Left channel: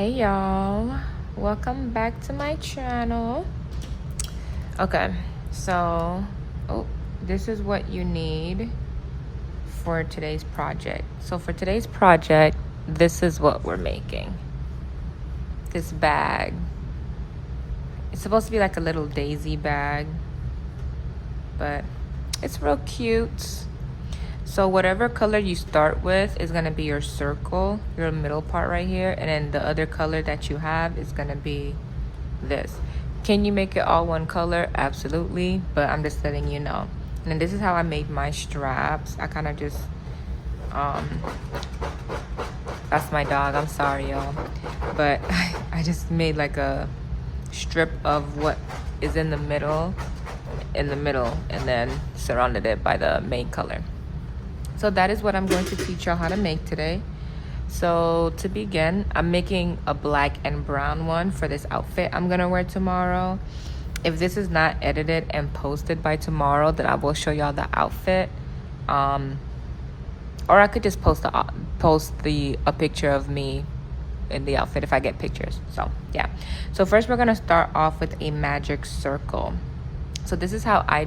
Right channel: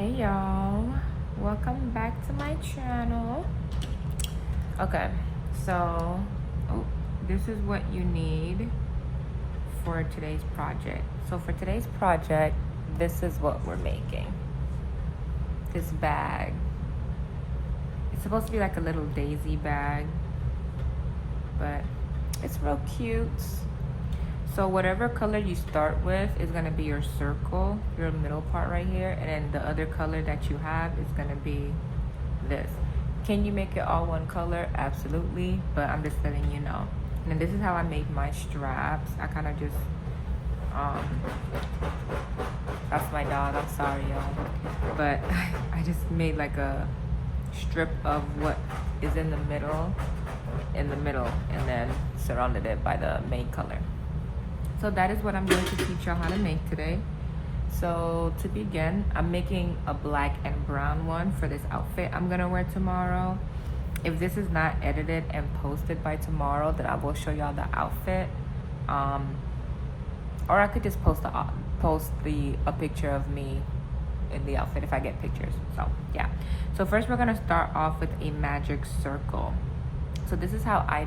Hey y'all, welcome back to my channel. Okay, so this is what you need for today's project. So for today's project, this is what we're making. This bag. It's supposed to be like a little daisy bag, but it's real cute. So whatever color you start with is gonna be your circle, your middle part right here, and then the other color that you have is gonna be this. Can you make it all one color? Absolutely, but I'm just letting you know. And then this is how I made my straps. I kind of just, that's my dog, I'm sorry y'all. But I just made like a strip of what is in the middle, and then surrounded it by the main color. So that is what I'm going to teach y'all how to make today. So to begin, I'm making a black and brown one for this outfit I'm gonna wear tomorrow. If this is not edited and posted by tomorrow, then I will show y'all the outfit. Or I could just post a picture of me in the outfit if I get pictures. So yeah. So first we're gonna start off with a magic circle. So this is how I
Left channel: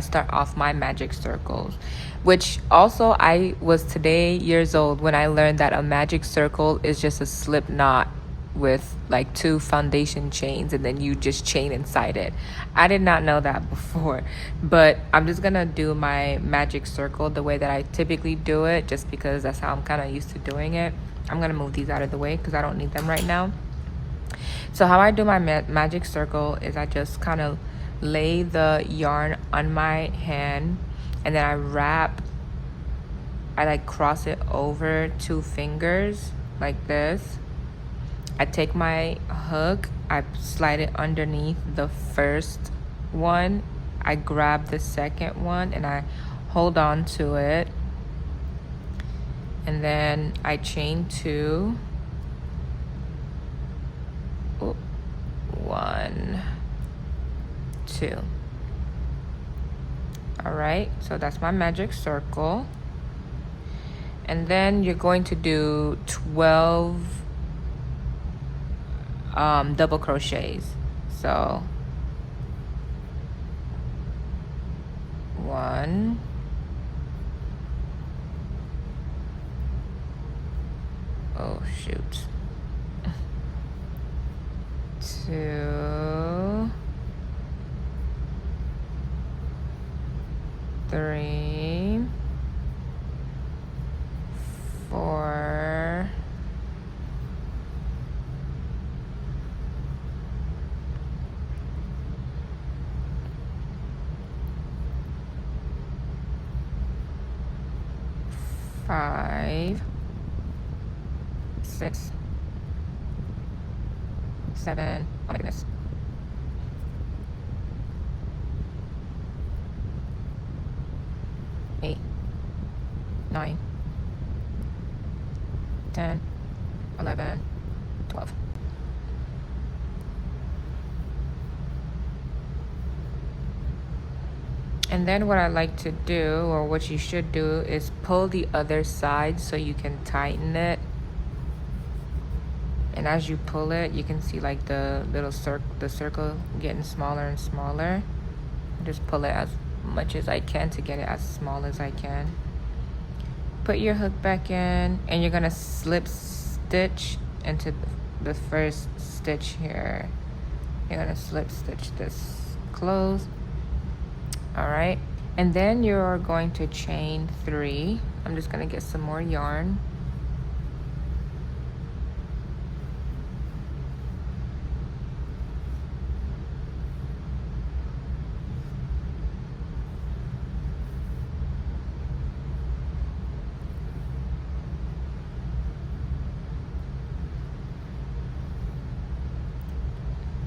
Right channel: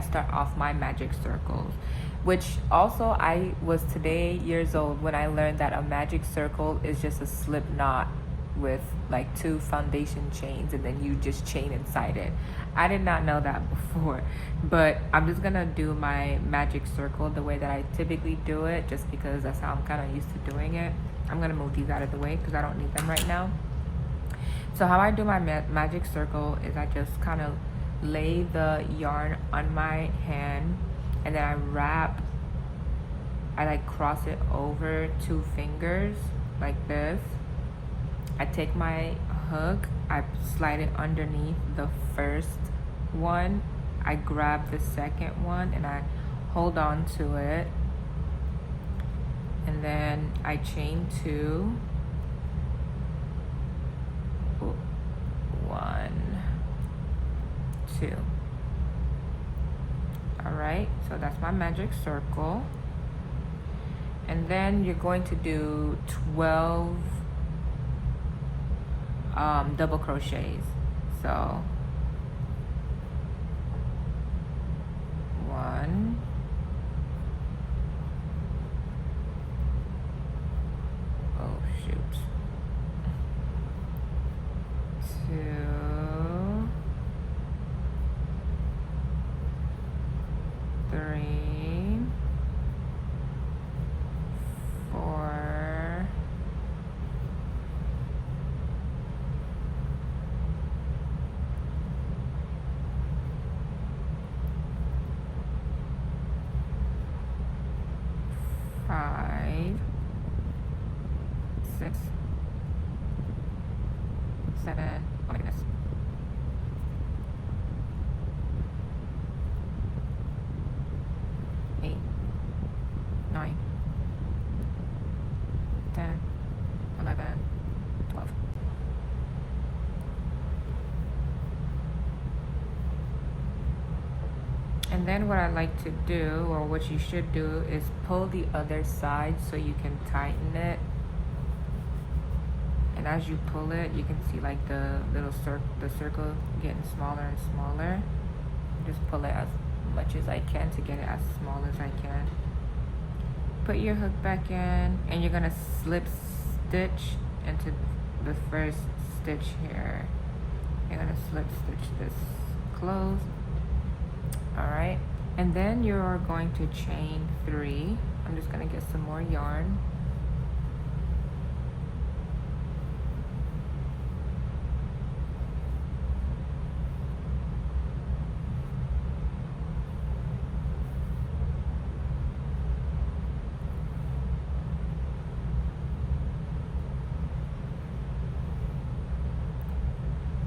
start off my magic circles, which also I was today years old when I learned that a magic circle is just a slip knot with like 2 foundation chains and then you just chain inside it. I did not know that before, but I'm just gonna do my magic circle the way that I typically do it, just because that's how I'm kind of used to doing it. I'm gonna move these out of the way because I don't need them right now. So how I do my magic circle is I just kind of lay the yarn on my hand, and then I like cross it over 2 fingers like this. I take my hook, I slide it underneath the first one, I grab the second one and I hold on to it, and then I chain 2. 1, 2. All right, so that's my magic circle. And then you're going to do 12 double crochets. So 1, oh shoot, 2, 3, 4, 5, 6, 7. Oh my goodness. 8, 9, 10, 11, 12. And then what I like to do, or what you should do, is pull the other side so you can tighten it. And as you pull it, you can see like the little circle getting smaller and smaller. Just pull it as much as I can to get it as small as I can. Put your hook back in, and you're gonna slip stitch into the first stitch here. You're gonna slip stitch this close. All right, and then you're going to chain 3. I'm just gonna get some more yarn.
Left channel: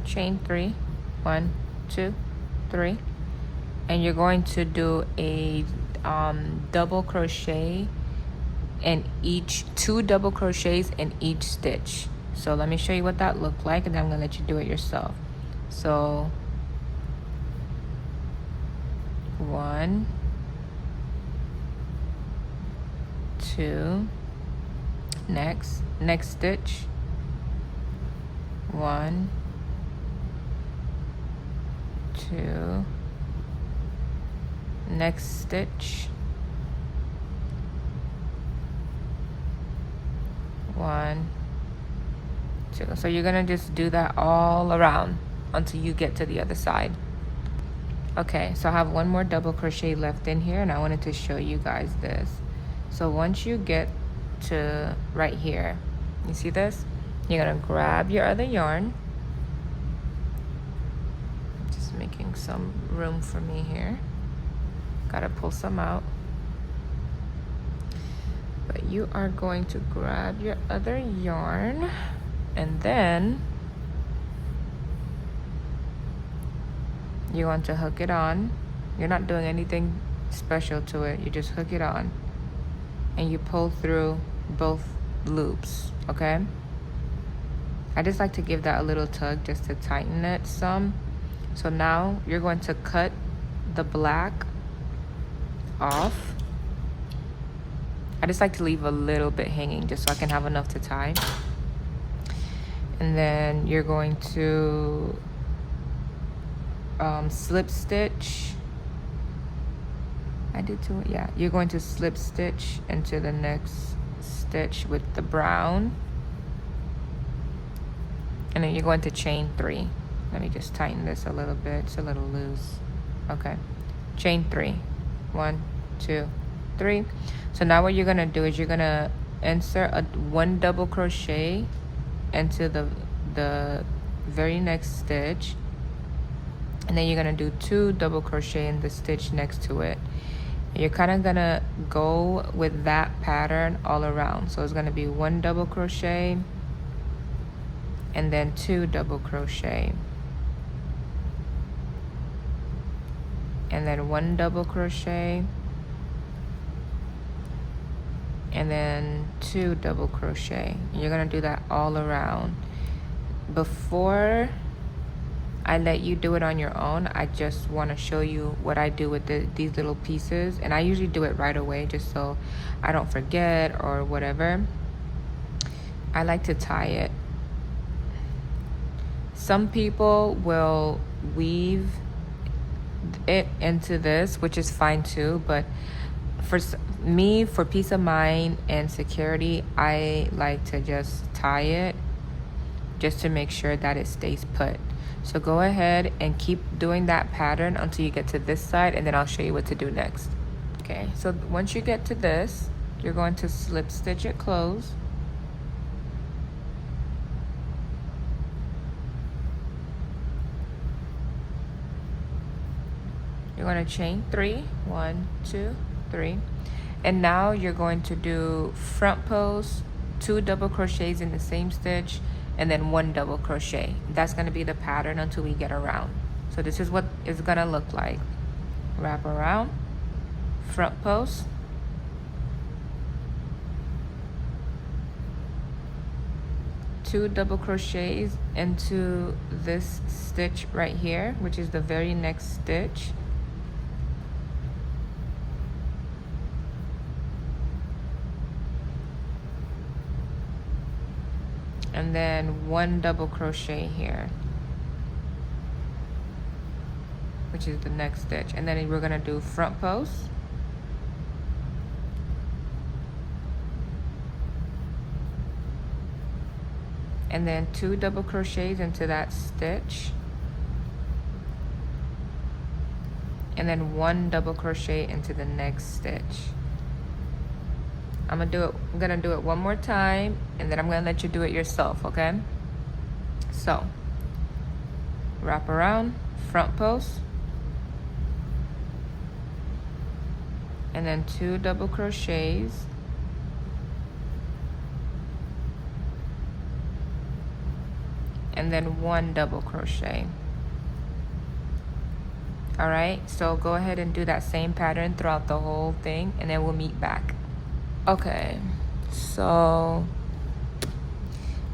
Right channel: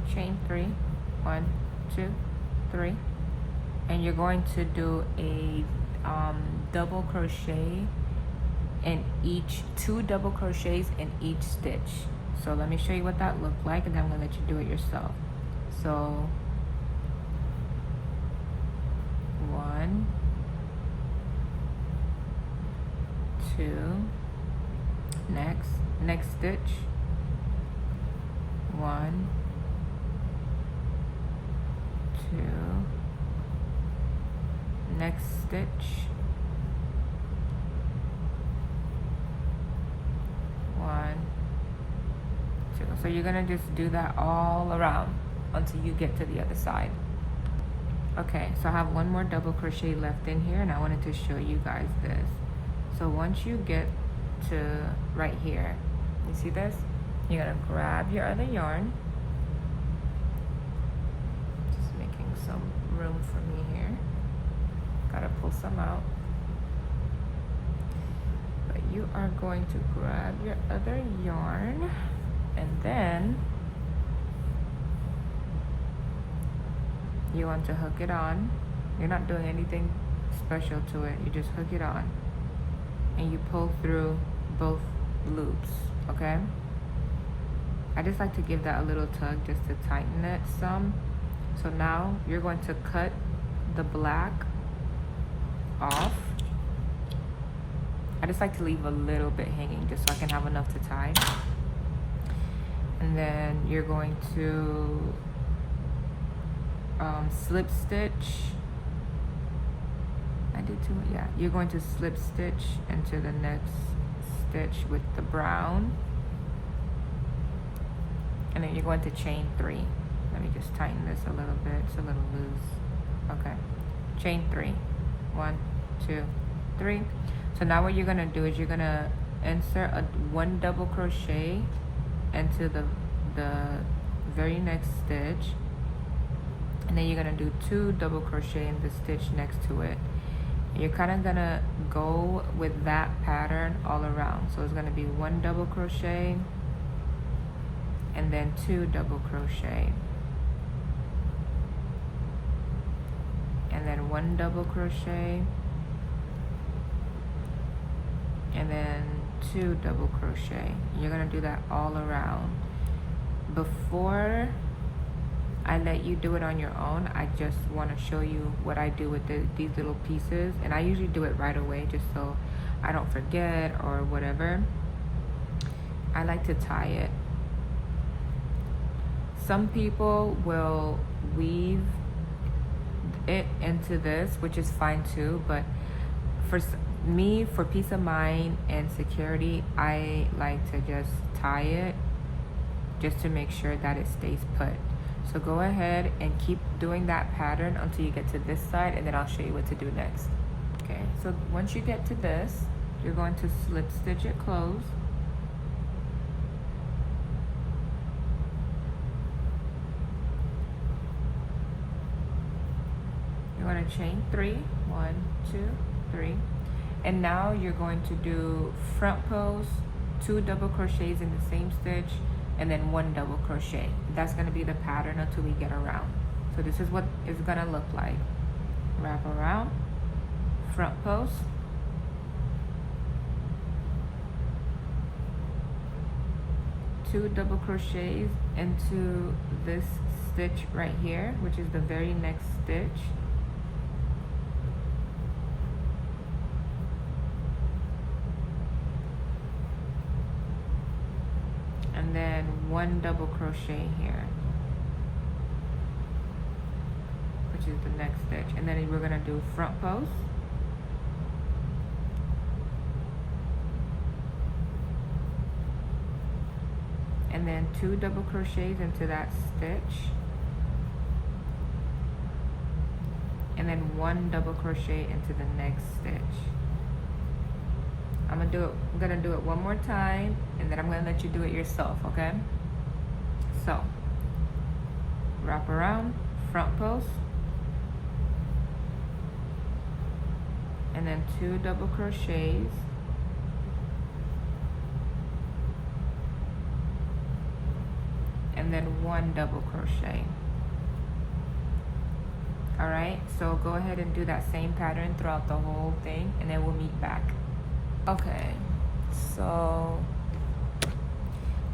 Chain 3, 1, 2, 3, and you're going to do a double crochet in each, 2 double crochets in each stitch. So let me show you what that looked like, and then I'm gonna let you do it yourself. So 1, 2, next stitch, 1, 2, next stitch, 1, 2. So you're gonna just do that all around until you get to the other side. Okay, so I have one more double crochet left in here, and I wanted to show you guys this. So once you get to right here, you see this? You're gonna grab your other yarn. Just making some room for me here. Gotta pull some out. But you are going to grab your other yarn, and then you're going to hook it on. You're not doing anything special to it. You just hook it on and you pull through both loops, okay? I just like to give that a little tug just to tighten it some. So now you're going to cut the black off. I just like to leave a little bit hanging just so I can have enough to tie. And then you're going to slip stitch. I did too, yeah. You're going to slip stitch into the next stitch with the brown. And then you're going to chain 3. Let me just tighten this a little bit. It's a little loose. Okay. Chain 3. 1, 2, 3. So now what you're gonna do is you're gonna insert one double crochet into the very next stitch, and then you're gonna do 2 double crochet in the stitch next to it. And you're kind of gonna go with that pattern all around. So it's gonna be 1 double crochet and then 2 double crochet, and then 1 double crochet, and then 2 double crochet. You're gonna do that all around. Before I let you do it on your own, I just want to show you what I do with these little pieces, and I usually do it right away just so I don't forget or whatever. I like to tie it. Some people will weave it into this, which is fine too, but for me, for peace of mind and security, I like to just tie it just to make sure that it stays put. So go ahead and keep doing that pattern until you get to this side, and then I'll show you what to do next. Okay, so once you get to this, you're going to slip stitch it closed. You're going to chain 3, 1, 2, 3, and now you're going to do front post, 2 double crochets in the same stitch, and then 1 double crochet. That's going to be the pattern until we get around. So this is what it's going to look like. Wrap around, front post, two double crochets into this stitch right here, which is the very next stitch. And then 1 double crochet here, which is the next stitch. And then we're gonna do front post, and then 2 double crochets into that stitch, and then 1 double crochet into the next stitch. I'm gonna do it one more time, and then I'm gonna let you do it yourself, okay? So, wrap around, front post, and then 2 double crochets, and then 1 double crochet. All right, so go ahead and do that same pattern throughout the whole thing, and then we'll meet back. Okay, so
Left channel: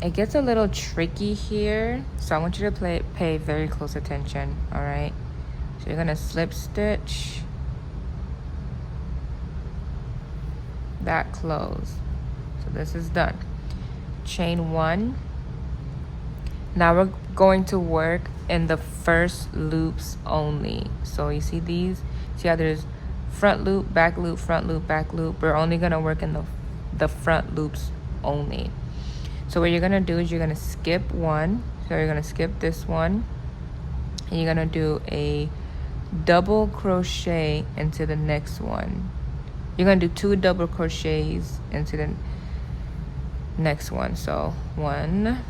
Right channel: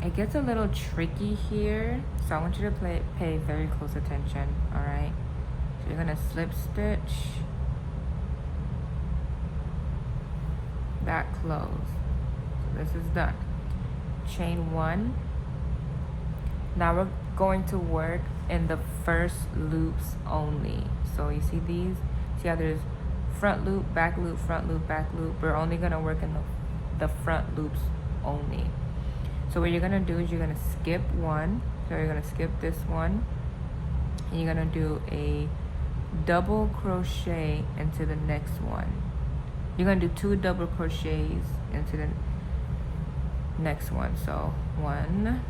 it gets a little tricky here, so I want you to pay very close attention. All right, so you're gonna slip stitch that close. So this is done. Chain 1, Now we're going to work in the first loops only. So you see these? See how there's front loop, back loop, front loop, back loop. We're only gonna work in the front loops only. So what you're gonna do is you're gonna skip one. So you're gonna skip this one, and you're gonna do a double crochet into the next one. You're gonna do 2 double crochets into the next one. So 1,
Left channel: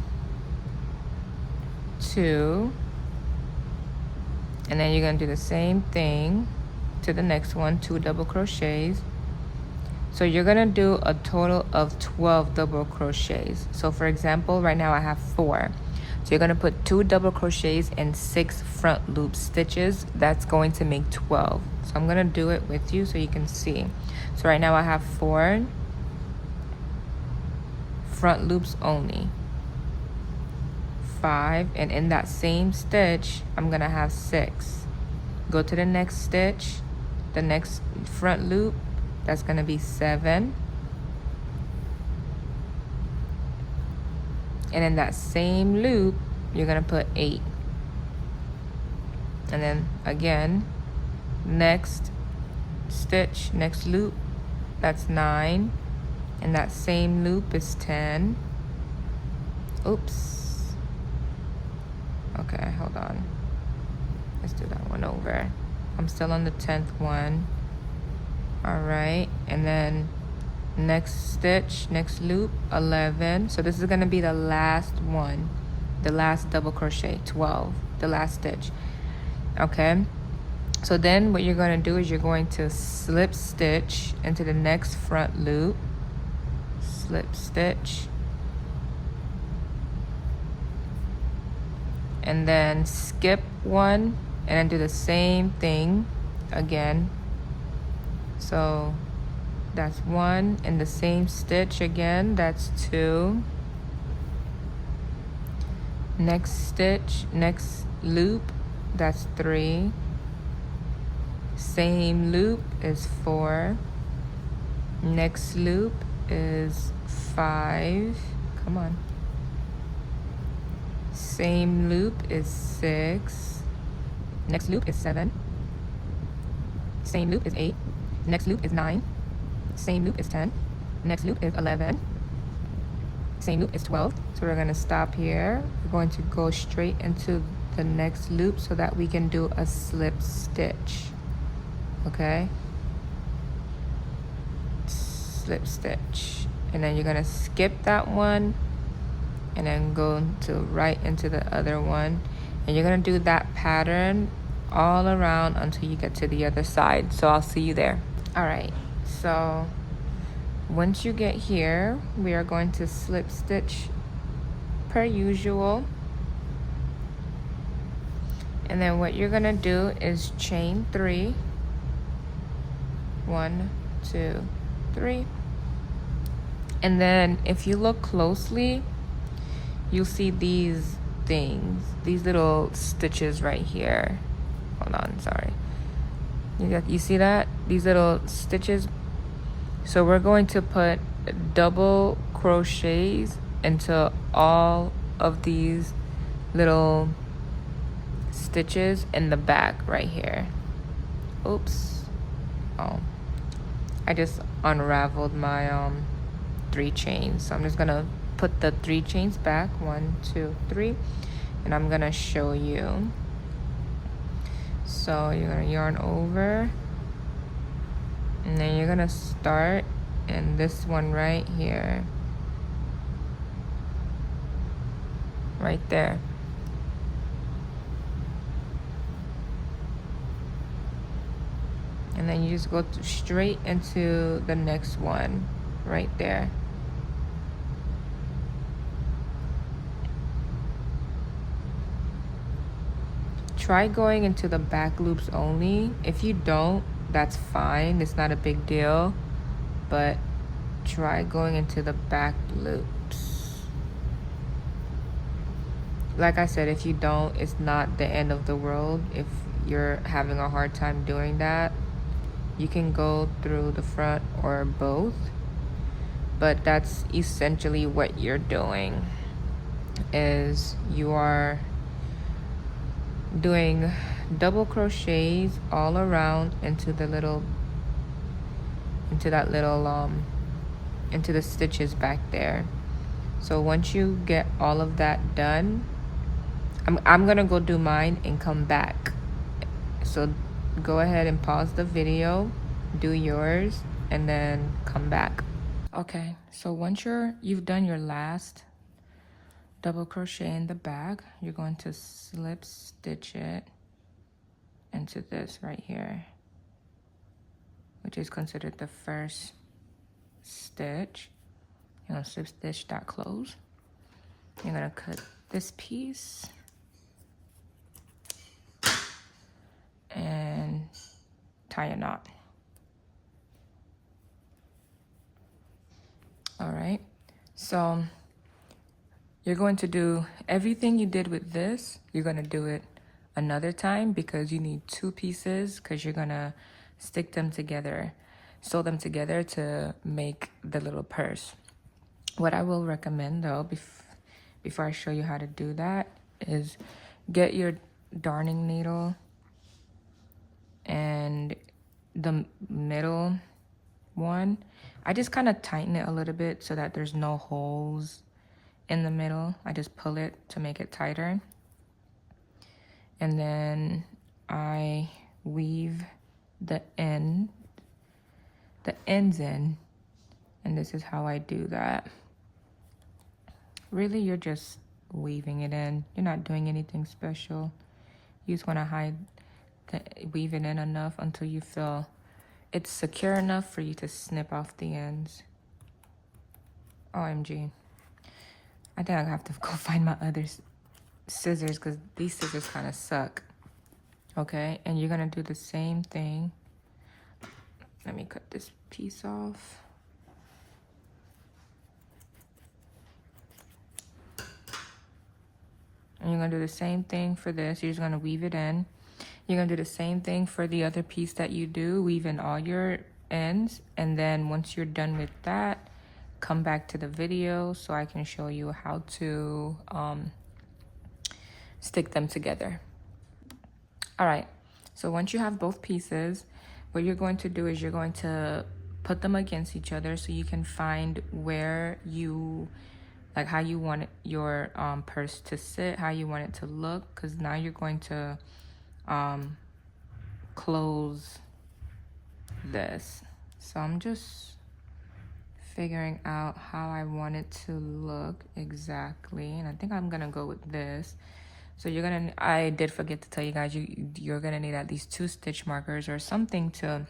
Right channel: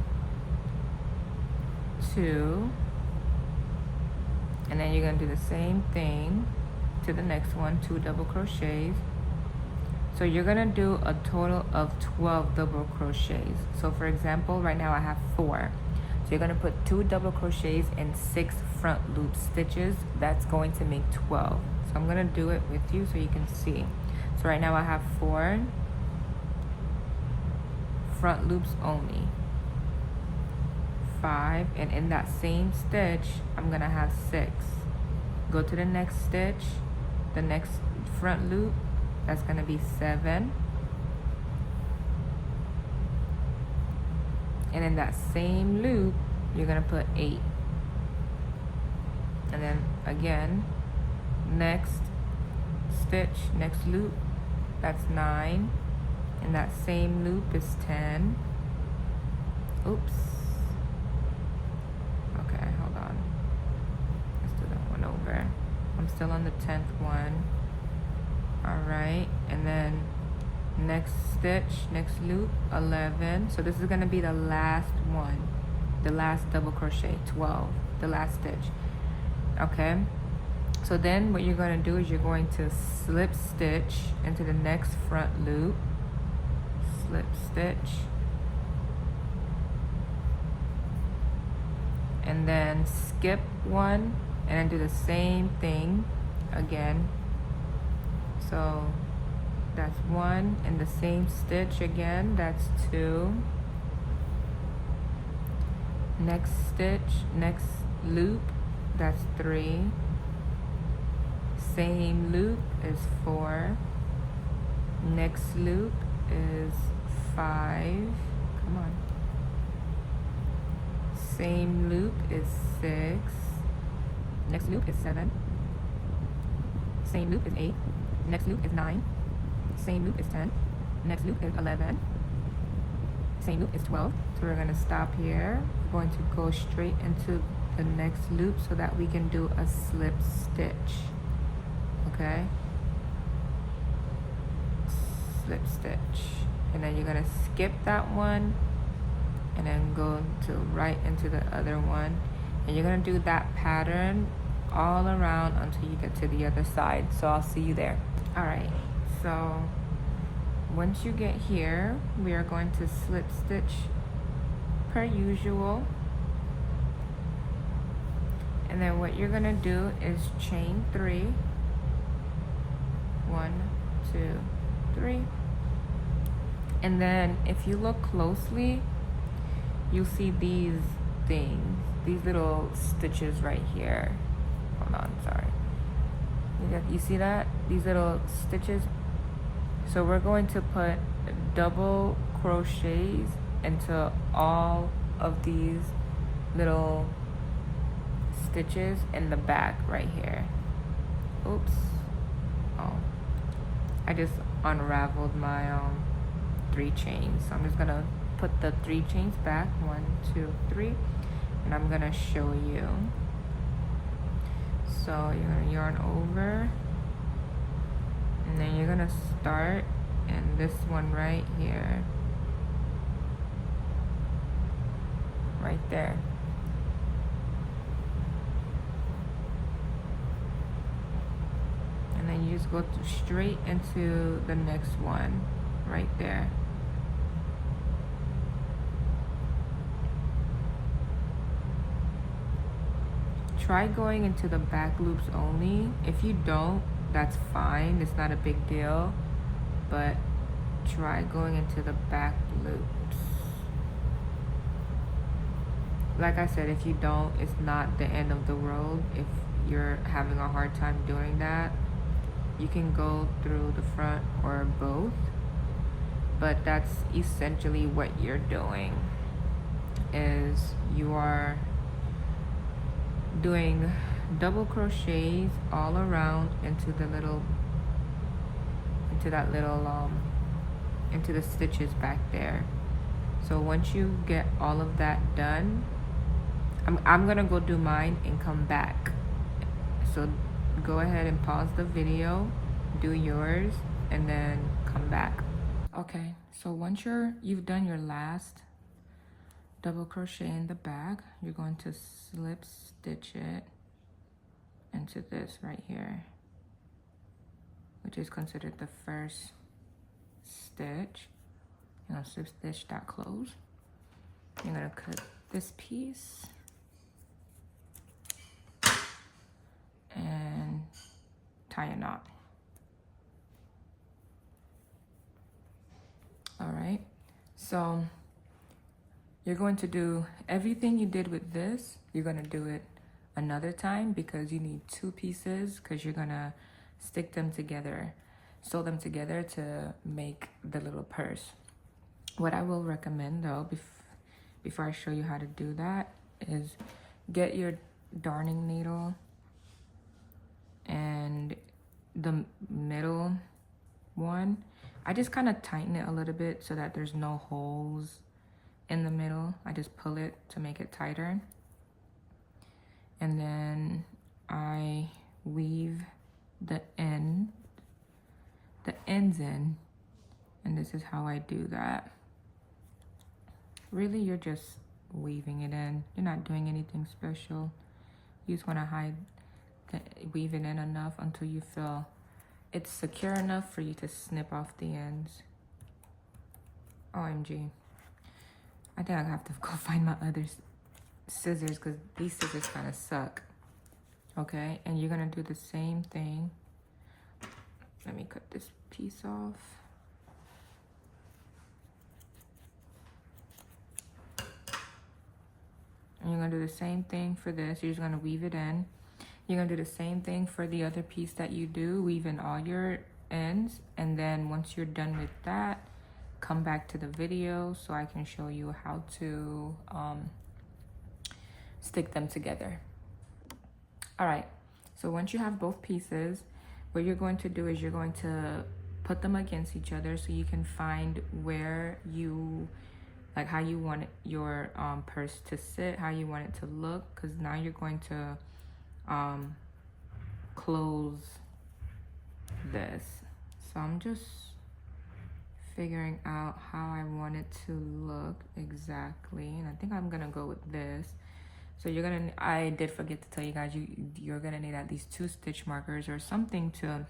2, and then you're gonna do the same thing to the next one, 2 double crochets. So you're gonna do a total of 12 double crochets. So for example, right now I have 4. So you're gonna put 2 double crochets and 6 front loop stitches. That's going to make 12. So I'm gonna do it with you so you can see. So right now I have 4 front loops only, 5, and in that same stitch I'm gonna have 6. Go to the next stitch, the next front loop, that's gonna be 7, and in that same loop you're gonna put 8, and then again next stitch, next loop, that's 9, and that same loop is 10. Oops, okay, hold on, let's do that one over. I'm still on the 10th one. All right, and then next stitch, next loop, 11. So this is gonna be the last one, the last double crochet, 12, the last stitch. Okay, so then what you're gonna do is you're going to slip stitch into the next front loop, slip stitch, and then skip one, and then do the same thing again. So that's 1, in the same stitch again, that's 2. Next stitch, next loop, that's 3. Same loop is 4. Next loop is 5. Come on. Same loop is 6. Next loop is 7. Same loop is 8. Next loop is 9. Same loop is 10. Next loop is 11. Same loop is 12. So we're going to stop here. We're going to go straight into the next loop so that we can do a slip stitch. Okay? Slip stitch. And then you're going to skip that one and then go to right into the other one. And you're going to do that pattern all around until you get to the other side. So I'll see you there. All right, so once you get here, we are going to slip stitch per usual, and then what you're gonna do is chain 3, 1, 2, 3, and then if you look closely, you'll see these things, these little stitches right here. Hold on, sorry. You see that? These little stitches. So we're going to put double crochets into all of these little stitches in the back right here. Oops. Oh, I just unraveled my 3 chains. So I'm just gonna put the 3 chains back, 1, 2, 3, and I'm gonna show you. So you're gonna yarn over, and then you're gonna start in this one right here, right there. And then you just go straight into the next one right there. Try going into the back loops only. If you don't, that's fine, it's not a big deal, but try going into the back loops. Like I said, if you don't, it's not the end of the world. If you're having a hard time doing that, you can go through the front or both, but that's essentially what you're doing. is you are doing double crochets all around into the little, into that little into the stitches back there. So once you get all of that done, I'm gonna go do mine and come back. So go ahead and pause the video, do yours, and then come back. Okay, so once you've done your last double crochet in the back, you're going to slip stitch it into this right here, which is considered the first stitch. You're gonna slip stitch that close. You're gonna cut this piece and tie a knot. All right, so you're going to do everything you did with this, you're gonna do it another time because you need two pieces, because you're gonna stick them together, sew them together to make the little purse. What I will recommend though, before I show you how to do that, is get your darning needle and the middle one. I just kind of tighten it a little bit so that there's no holes in the middle. I just pull it to make it tighter. And then I weave the ends in, and this is how I do that. Really, you're just weaving it in. You're not doing anything special. You just want to weave it in enough until you feel it's secure enough for you to snip off the ends. OMG. I think I have to go find my other scissors because these scissors kind of suck. Okay, and you're gonna do the same thing. Let me cut this piece off. And you're gonna do the same thing for this. You're just gonna weave it in. You're gonna do the same thing for the other piece that you do. Weave in all your ends, and then once you're done with that, come back to the video so I can show you how to stick them together. All right, so once you have both pieces, what you're going to do is you're going to put them against each other so you can find where you, like how you want your purse to sit, how you want it to look, because now you're going to close this. So I'm just figuring out how I want it to look exactly, and I think I'm gonna go with this. So you're gonna, I did forget to tell you guys, you're gonna need at least 2 stitch markers or something to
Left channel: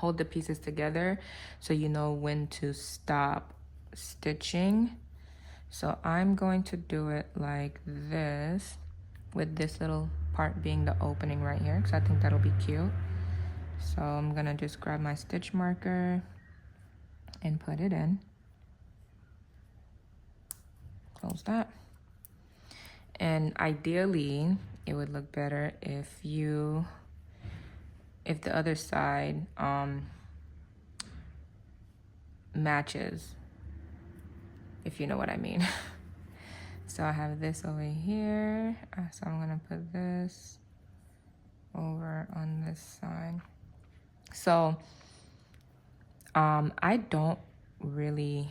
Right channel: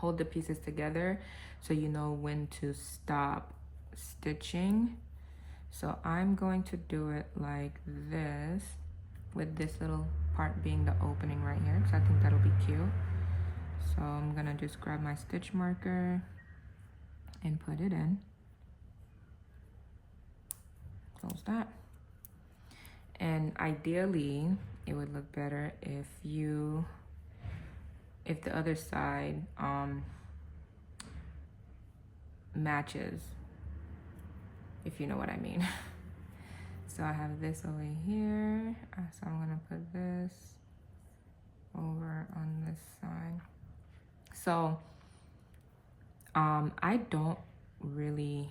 hold the pieces together so you know when to stop stitching. So I'm going to do it like this, with this little part being the opening right here, because I think that'll be cute. So I'm gonna just grab my stitch marker and put it in. Close that. And ideally, it would look better if the other side matches, if you know what I mean. So I have this over here, so I'm gonna put this over on this side. So I don't really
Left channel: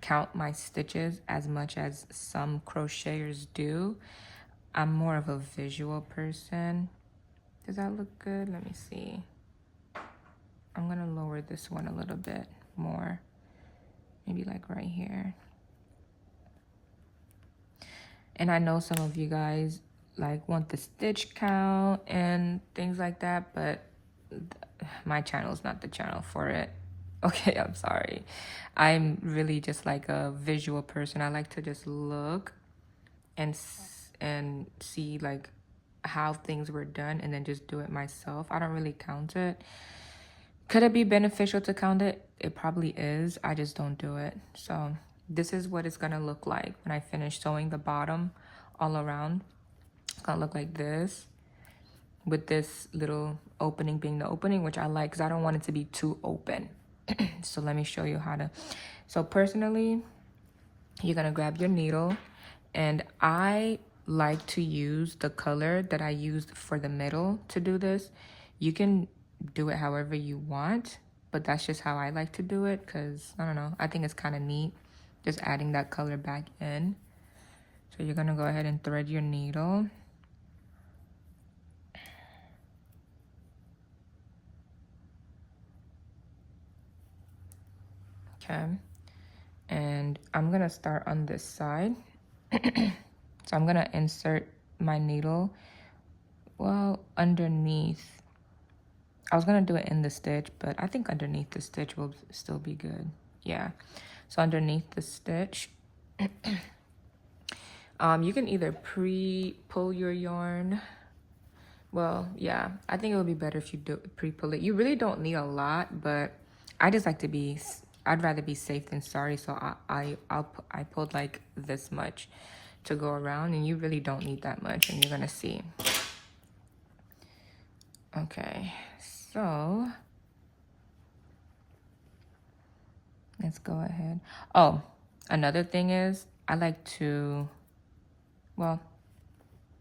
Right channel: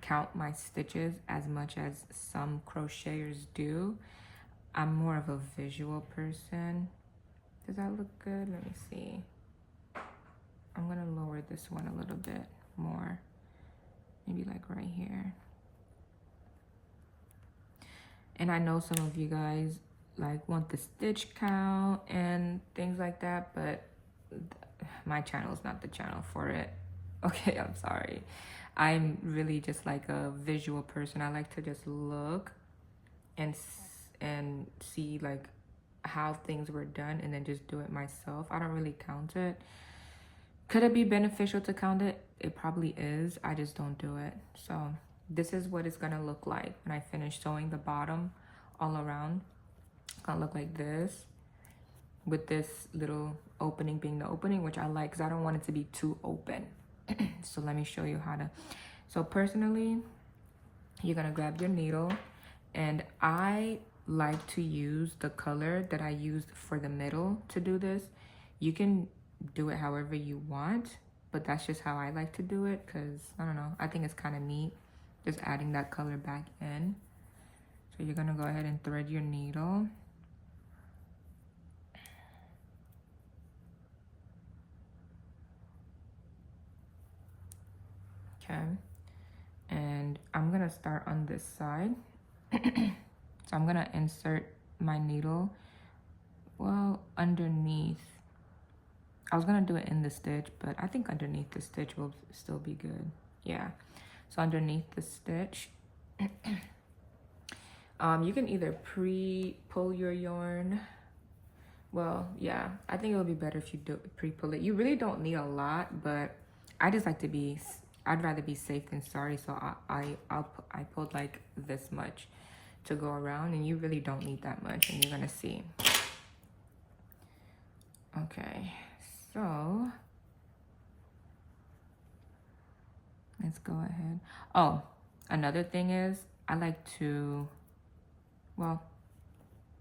count my stitches as much as some crocheters do. I'm more of a visual person. Does that look good? Let me see. I'm gonna lower this one a little bit more, maybe like right here. And I know some of you guys like want the stitch count and things like that, but my channel is not the channel for it. Okay, I'm sorry. I'm really just like a visual person. I like to just look and see like how things were done and then just do it myself. I don't really count it. Could it be beneficial to count it? It probably is. I just don't do it. So this is what it's gonna look like when I finish sewing the bottom all around. It's gonna look like this, with this little opening being the opening, which I like because I don't want it to be too open. So let me show you how to. So personally, You're gonna grab your needle, and I like to use the color that I used for the middle to do this. You can do it however you want, but that's just how I like to do it, because I don't know, I think it's kind of neat just adding that color back in. So you're gonna go ahead and thread your needle. Okay, and I'm gonna start on this side. So I'm gonna insert my needle, well, underneath. I was gonna do it in the stitch, but I think underneath the stitch will still be good. Yeah, so underneath the stitch, you can either pre-pull your yarn. Well, yeah, I think it would be better if you do pre-pull it. You really don't need a lot, but I just like to be, I'd rather be safe than sorry. So I pulled like this much to go around, and you really don't need that much, and you're gonna see. Okay, so let's go ahead. Oh, another thing is I like to, well,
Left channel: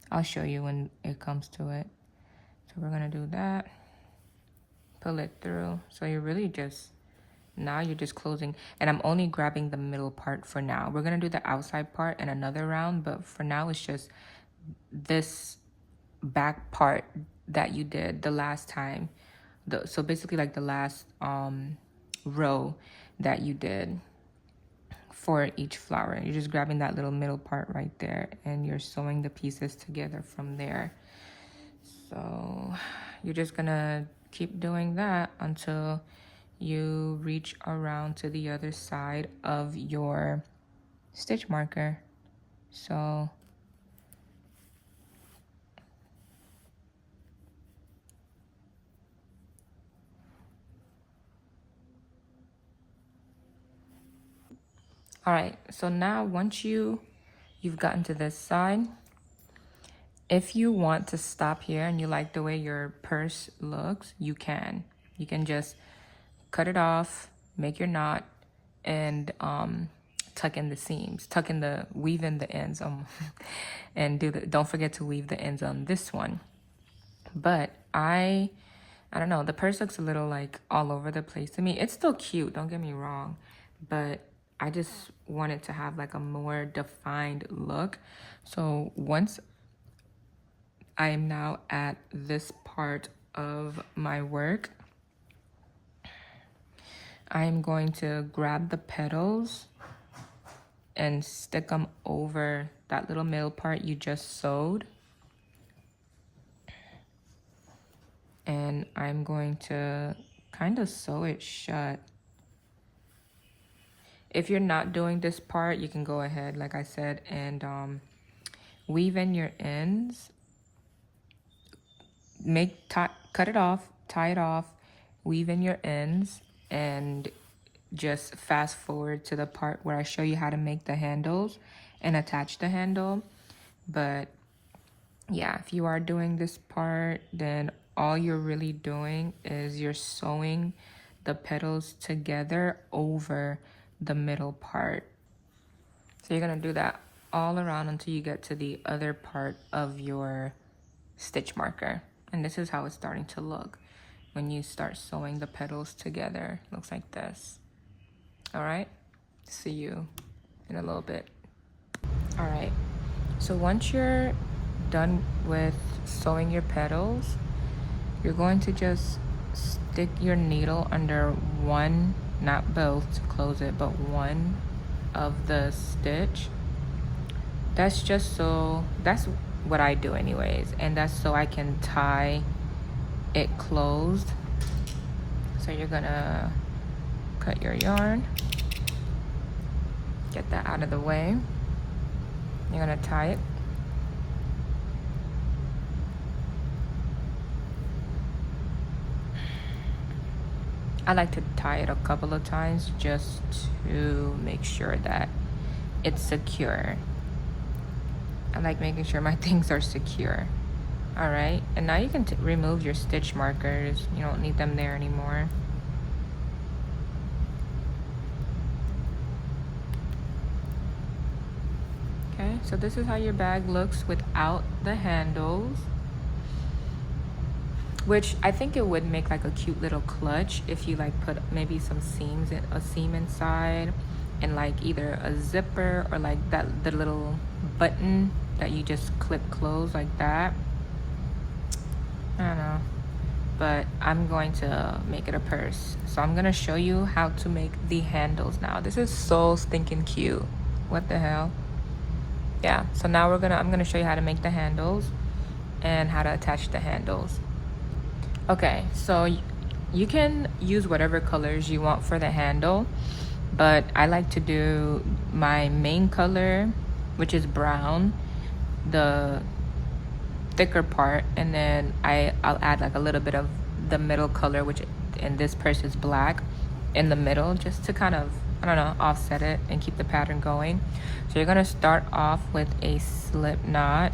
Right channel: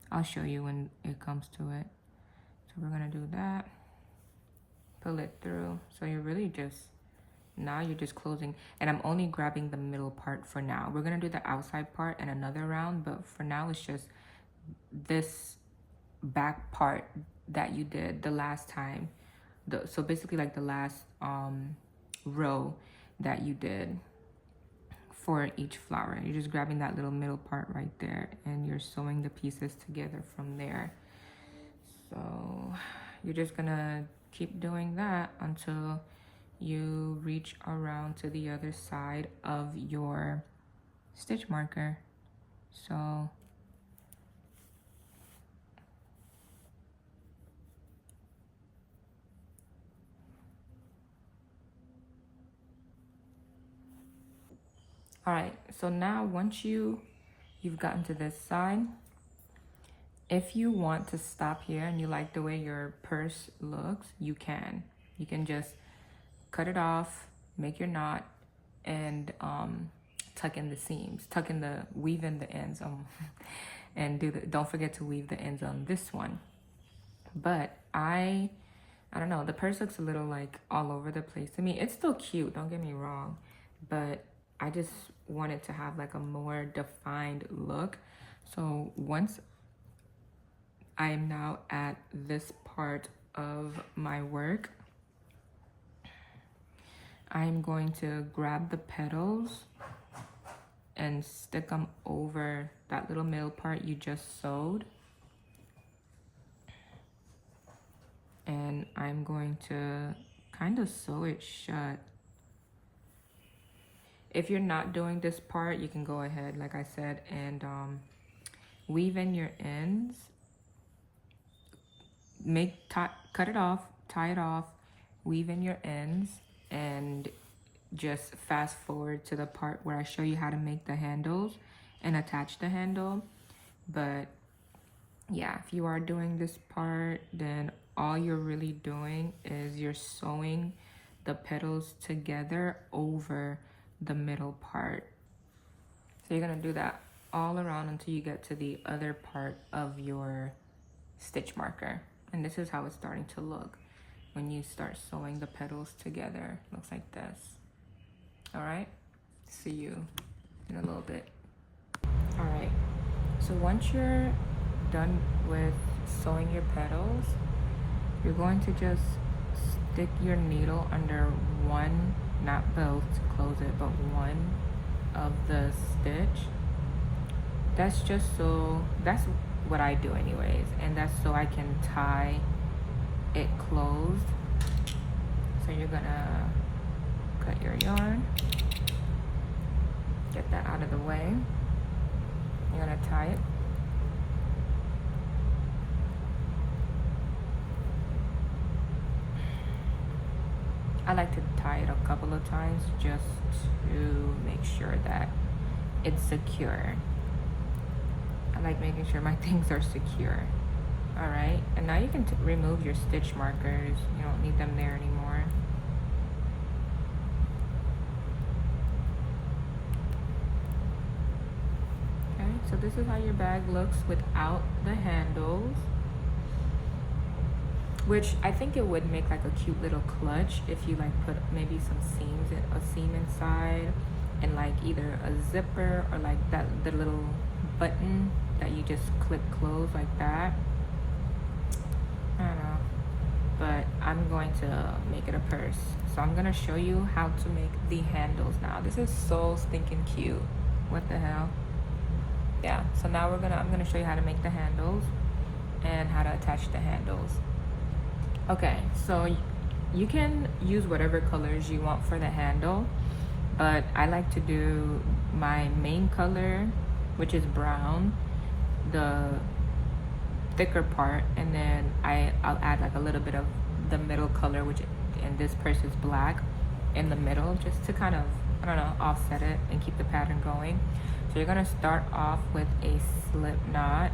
I'll show you when it comes to it. So we're gonna do that, pull it through. So you're really just, now you're just closing, and I'm only grabbing the middle part for now. We're gonna do the outside part in another round, but for now it's just this back part that you did the last time. So basically like the last row that you did for each flower. You're just grabbing that little middle part right there, and you're sewing the pieces together from there. So you're just gonna keep doing that until you reach around to the other side of your stitch marker. So all right, so now once you've gotten to this side, if you want to stop here and you like the way your purse looks, you can just cut it off, make your knot, and tuck in the seams, weave in the ends, and don't forget to weave the ends on this one. But I don't know, the purse looks a little like all over the place to me. It's still cute, don't get me wrong, but I just wanted to have like a more defined look. So once I'm now at this part of my work, I'm going to grab the petals and stick them over that little middle part you just sewed. And I'm going to kind of sew it shut. If you're not doing this part, you can go ahead, like I said, and weave in your ends. Cut it off, tie it off, weave in your ends, and just fast forward to the part where I show you how to make the handles and attach the handle. But yeah, if you are doing this part, then all you're really doing is you're sewing the petals together over the middle part. So you're gonna do that all around until you get to the other part of your stitch marker. And this is how it's starting to look when you start sewing the petals together. It looks like this. All right, see you in a little bit. All right, so once you're done with sewing your petals, you're going to just stick your needle under one, not both to close it, but one of the stitch. That's what I do anyways, and that's so I can tie it closed. So you're gonna cut your yarn, get that out of the way. You're gonna tie it. I like to tie it a couple of times just to make sure that it's secure. I like making sure my things are secure. All right, and now you can remove your stitch markers. You don't need them there anymore. so this is how your bag looks without the handles, which I think it would make like a cute little clutch if you like put maybe some seams in a seam inside, and like either a zipper or like that the little button that you just clip close like that. I don't know, but I'm going to make it a purse. So I'm gonna show you how to make the handles now. This is so stinking cute. What the hell? Yeah, so now I'm gonna show you how to make the handles and how to attach the handles. Okay, so you can use whatever colors you want for the handle, but I like to do my main color, which is brown, the thicker part, and then I'll add like a little bit of the middle color, which in this purse is black, in the middle, just to kind of, I don't know, offset it and keep the pattern going. So you're gonna start off with a slip knot,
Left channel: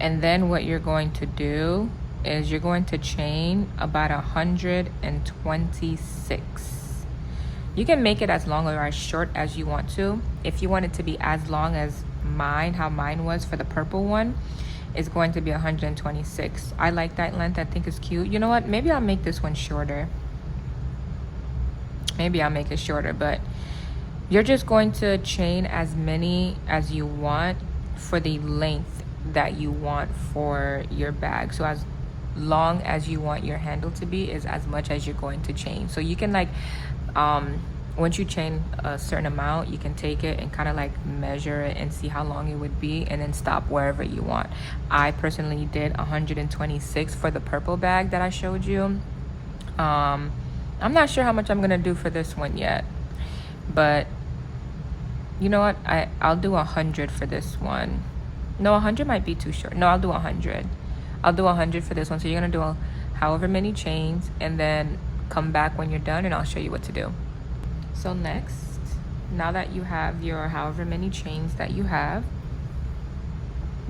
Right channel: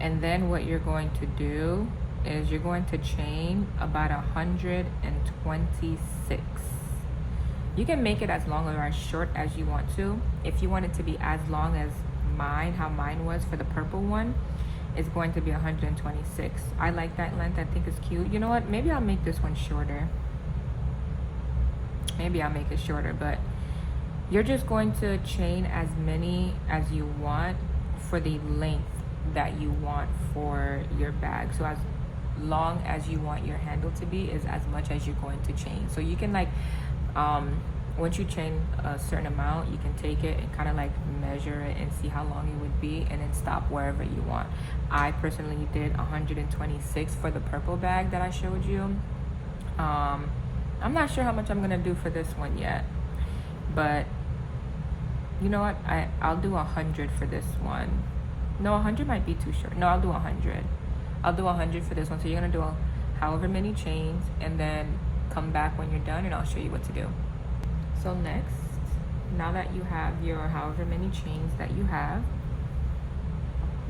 and then what you're going to do is you're going to chain about 126. You can make it as long or as short as you want to. If you want it to be as long as mine, how mine was for the purple one, is going to be 126. I like that length. I think it's cute. You know what? Maybe I'll make this one shorter. Maybe I'll make it shorter, but you're just going to chain as many as you want for the length that you want for your bag. So as long as you want your handle to be is as much as you're going to chain. So you can like once you chain a certain amount, you can take it and kind of like measure it and see how long it would be, and then stop wherever you want. I personally did 126 for the purple bag that I showed you. I'm not sure how much I'm gonna do for this one yet, but you know what, I'll do 100 for this one. No, 100 might be too short. No, I'll do 100. I'll do 100 for this one. So you're gonna do however many chains, and then come back when you're done and I'll show you what to do. So next, now that you have your however many chains that you have,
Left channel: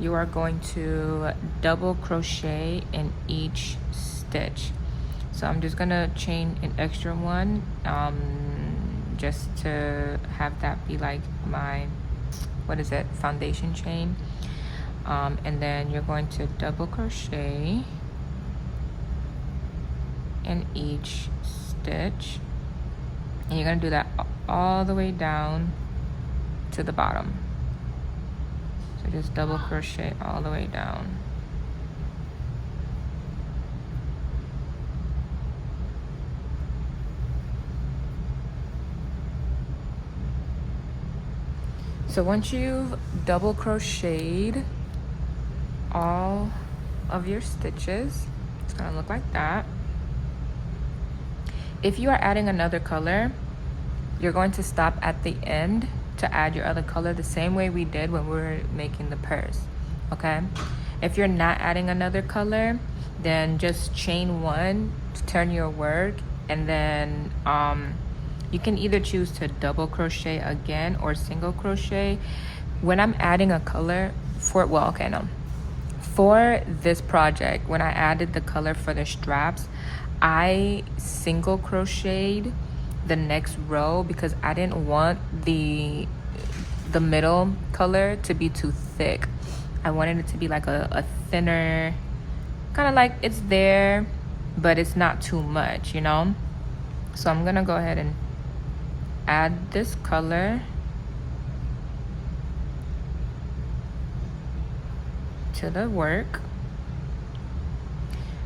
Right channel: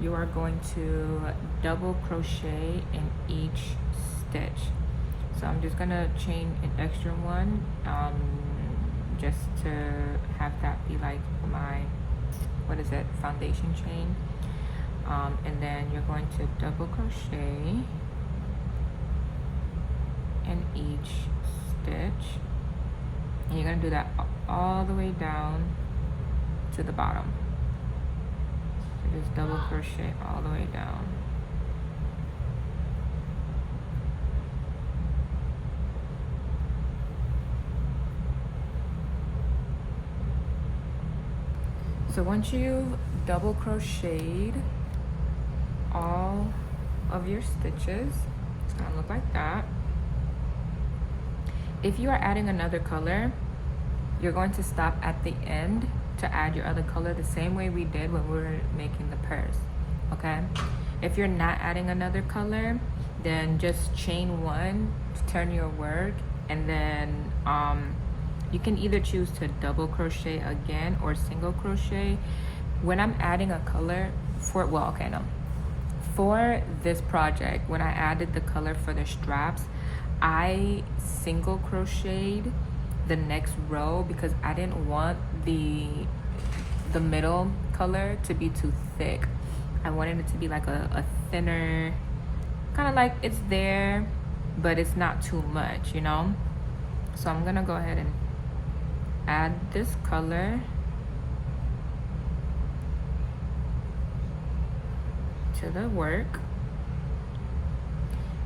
you are going to double crochet in each stitch. So I'm just gonna chain an extra one, just to have that be like my, what is it, foundation chain. And then you're going to double crochet in each stitch, and you're gonna do that all the way down to the bottom. So just double crochet all the way down. So once you've double crocheted all of your stitches, it's gonna look like that. If you are adding another color, you're going to stop at the end to add your other color, the same way we did when we were making the purse, okay? If you're not adding another color, then just chain one to turn your work, and then you can either choose to double crochet again or single crochet. When I'm adding a color for, well, okay, no. For this project, when I added the color for the straps, I single crocheted the next row because I didn't want the middle color to be too thick. I wanted it to be like a thinner, kind of like it's there, but it's not too much, you know? So I'm gonna go ahead and add this color to the work.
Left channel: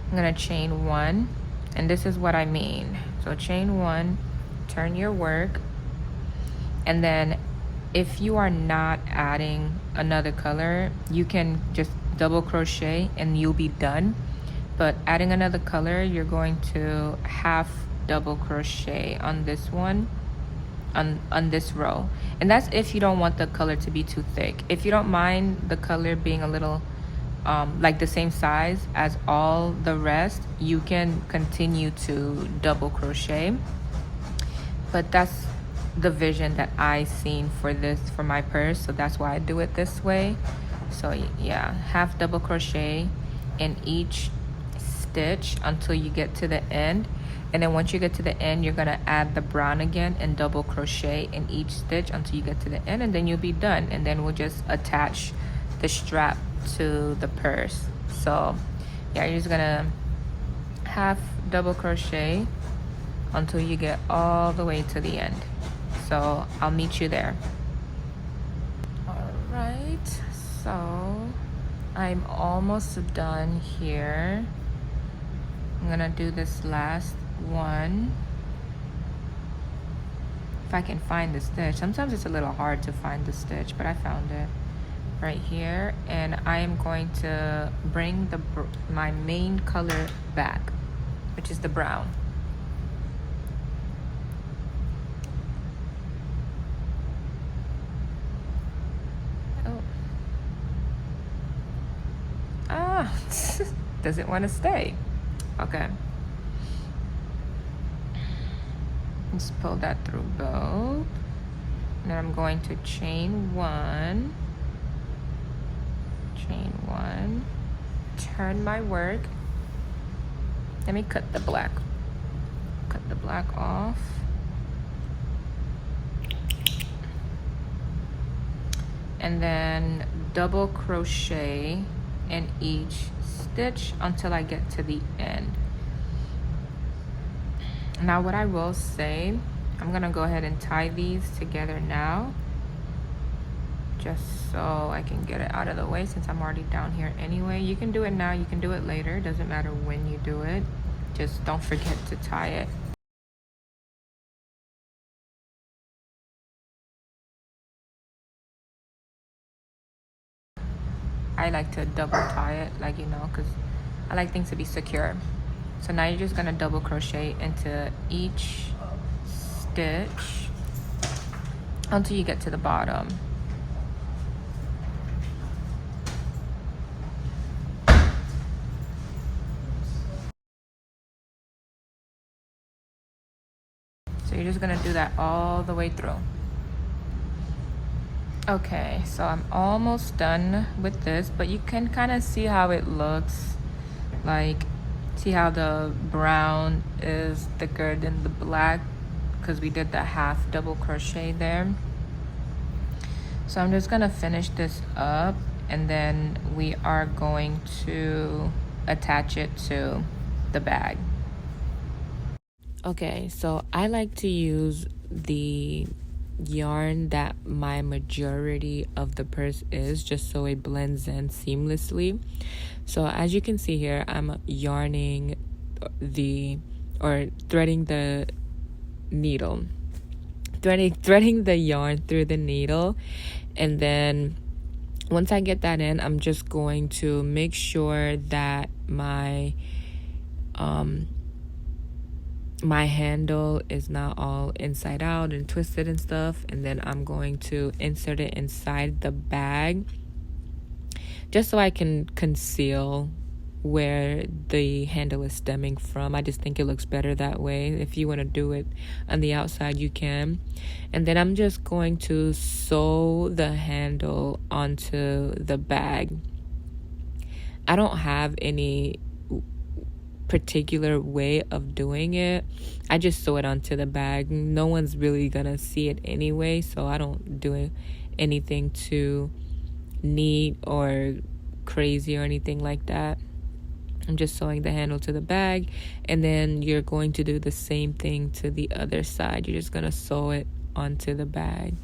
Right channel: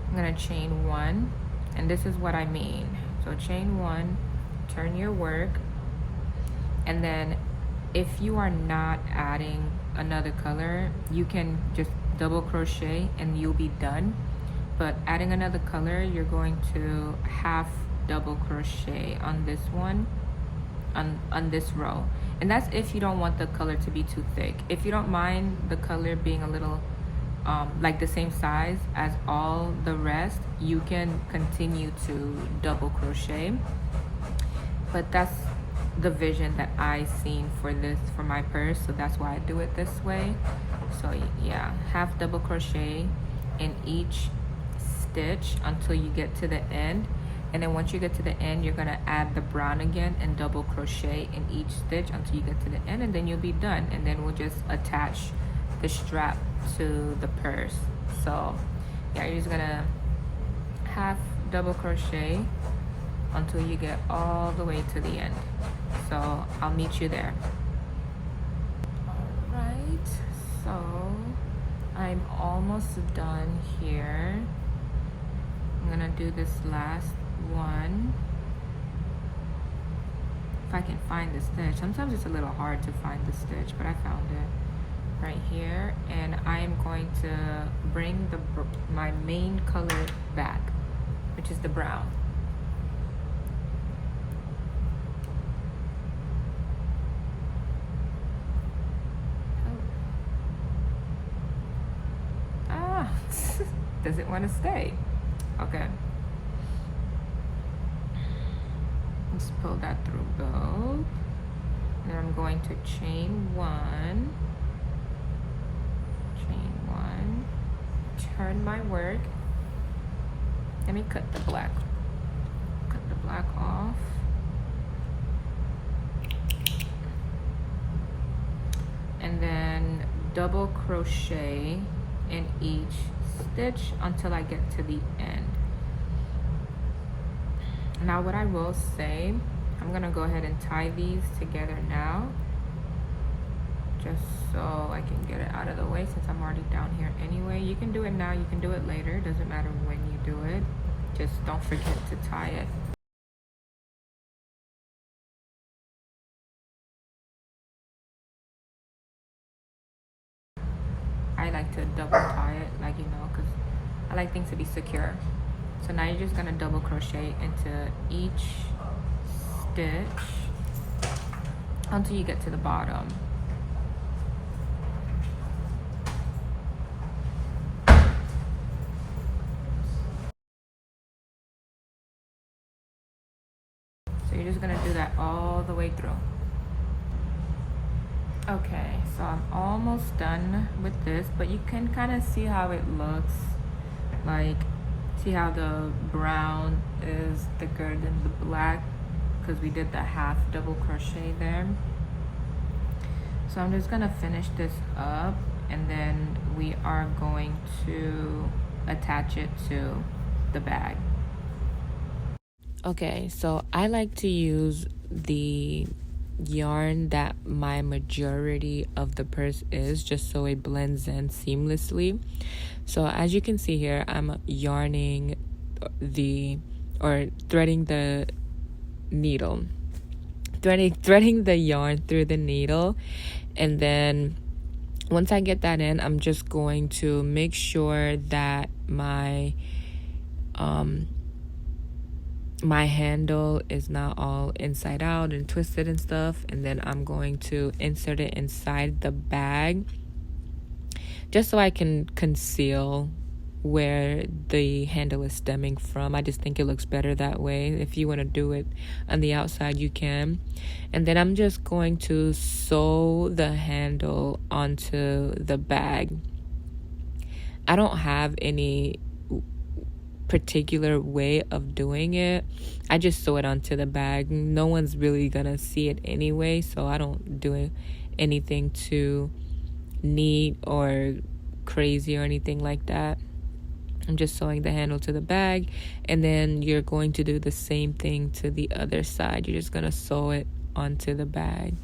I'm gonna chain one, and this is what I mean. So chain one, turn your work, and then if you are not adding another color, you can just double crochet and you'll be done. But adding another color, you're going to half double crochet on this one, on this row. And that's if you don't want the color to be too thick. If you don't mind the color being a little like the same size as all the rest, you can continue to double crochet. But that's the vision that I seen for this, for my purse, so that's why I do it this way. So yeah, half double crochet in each stitch until you get to the end. And then once you get to the end, you're gonna add the brown again and double crochet in each stitch until you get to the end, and then you'll be done. And then we'll just attach the strap to the purse. So yeah, you're just gonna half double crochet until you get all the way to the end. So I'll meet you there. All right, so I'm almost done here. I'm gonna do this last one. If I can find the stitch. Sometimes it's a little hard to find the stitch, but I found it right here. And I am going to bring my main color back, which is the brown. Doesn't want to stay. Okay. Just pull that through both. And then I'm going to chain one, turn my work. Let me cut the black off. And then double crochet in each stitch until I get to the end. Now what I will say, I'm gonna go ahead and tie these together now, just so I can get it out of the way since I'm already down here anyway. You can do it now, you can do it later, doesn't matter when you do it, just don't forget to tie it. I like to double tie it, like, you know, because I like things to be secure. So now you're just gonna double crochet into each stitch until you get to the bottom. So you're just gonna do that all the way through. Okay, so I'm almost done with this, but you can kind of see how it looks. Like, see how the brown is thicker than the black because we did the half double crochet there. So I'm just gonna finish this up, and then we are going to attach it to the bag. Okay, so I like to use the yarn that my majority of the purse is, just so it blends in seamlessly. So as you can see here, I'm yarning threading the needle, threading the yarn through the needle. And then once I get that in, I'm just going to make sure that my my handle is not all inside out and twisted and stuff, and then I'm going to insert it inside the bag just so I can conceal where the handle is stemming from. I just think it looks better that way. If you want to do it on the outside, you can. And then I'm just going to sew the handle onto the bag. I don't have any particular way of doing it. I just sew it onto the bag. No one's really gonna see it anyway, so I don't do anything too neat or crazy or anything like that. I'm just sewing the handle to the bag, and then you're going to do the same thing to the other side. You're just gonna sew it onto the bag.